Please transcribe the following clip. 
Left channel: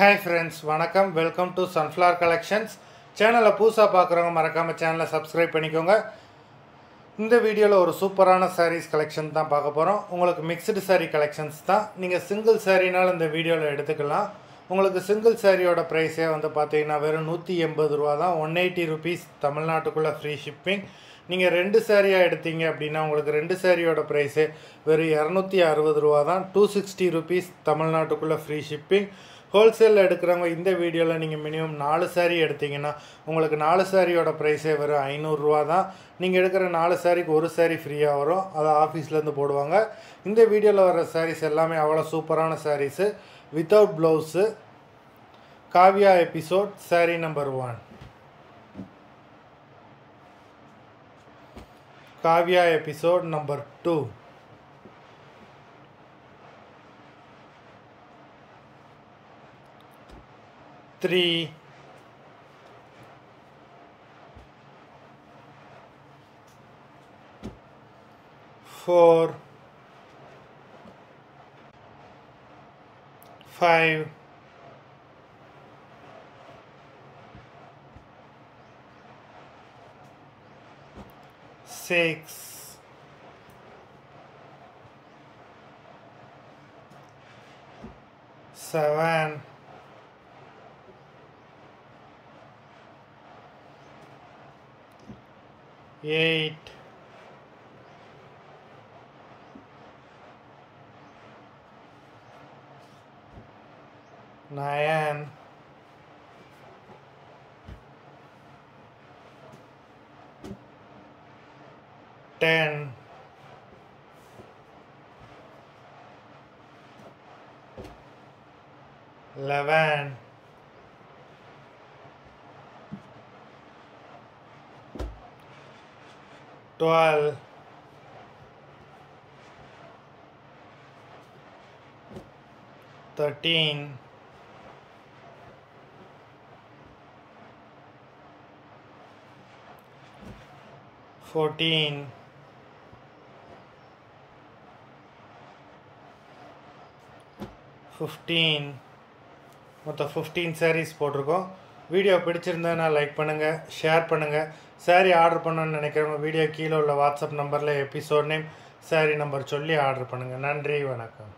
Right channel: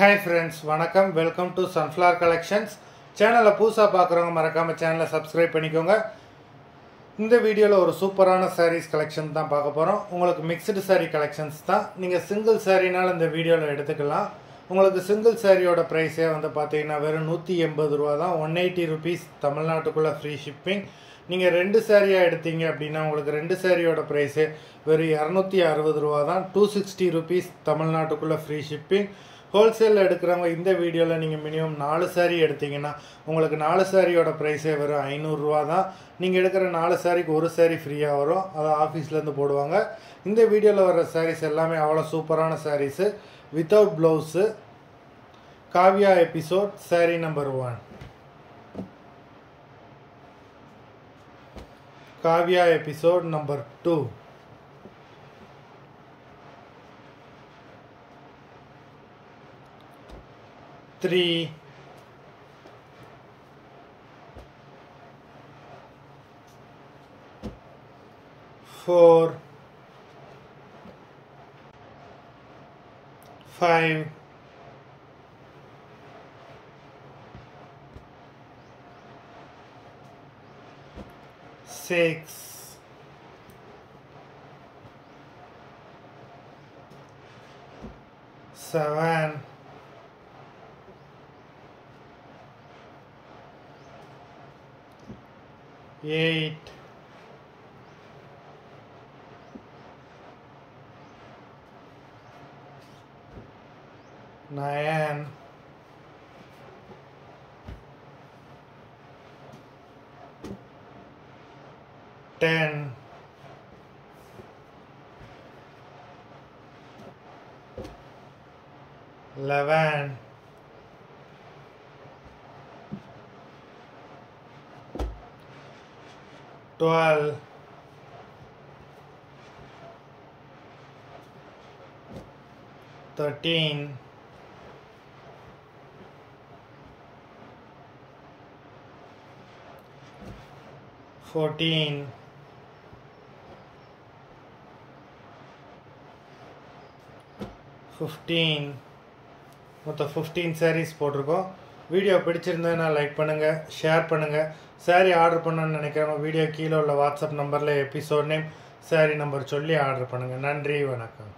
Hi friends, வணக்கம். Welcome to Sunflower Collections. சேனலை புதுசா பார்க்குறவங்க மறக்காம சேனலை சப்ஸ்கிரைப் பண்ணிக்கோங்க. இந்த வீடியோவில் ஒரு சூப்பரான சாரீஸ் கலெக்ஷன் தான் பார்க்க போகிறோம். உங்களுக்கு மிக்சடு சாரீ கலெக்ஷன்ஸ் தான். நீங்கள் சிங்கிள் சாரீனாலும் இந்த வீடியோவில் எடுத்துக்கலாம். உங்களுக்கு சிங்கிள் சாரியோட ப்ரைஸே வந்து பார்த்தீங்கன்னா வெறும் 180 ரூபா தான். 180 rupees தமிழ்நாட்டுக்குள்ளே ஃப்ரீ ஷிப்பிங். நீங்கள் 2 சாரியாக எடுத்தீங்க அப்படின்னா உங்களுக்கு 2 சாரியோட ப்ரைஸே வெறும் 260 ரூபா தான். 260 rupees தமிழ்நாட்டுக்குள்ளே ஃப்ரீ ஷிப்பிங். ஹோல்சேலில் எடுக்கிறவங்க இந்த வீடியோவில் நீங்கள் மினிமம் 4 சாரீ எடுத்தீங்கன்னா உங்களுக்கு 4 சாரியோட ப்ரைஸே வெறும் 500 ரூபா தான். நீங்கள் எடுக்கிற 4 சாரிக்கு ஒரு சாரீ ஃப்ரீயாக வரும். அதை ஆஃபீஸ்லேருந்து போடுவாங்க. இந்த வீடியோவில் வர சாரீஸ் எல்லாமே அவ்வளோ சூப்பரான sarees. Without blouse. Kavya episode saree number 1. Kavya episode number 2. Three, 4, 5, 6, 7, 8, 9, 10, 11, 12, 13, 14, 15. மொத்தம் 15 sarees போட்டிருக்கோம். வீடியோ பிடிச்சிருந்தா லைக் பண்ணுங்கள், ஷேர் பண்ணுங்கள். சாரீ ஆர்டர் பண்ணணும்னு நினைக்கிறவங்க வீடியோ கீழே உள்ள வாட்ஸ்அப் நம்பரில் எபிசோட் நேம் சாரீ நம்பர் சொல்லி ஆர்டர் பண்ணுங்கள். நன்றி, வணக்கம்.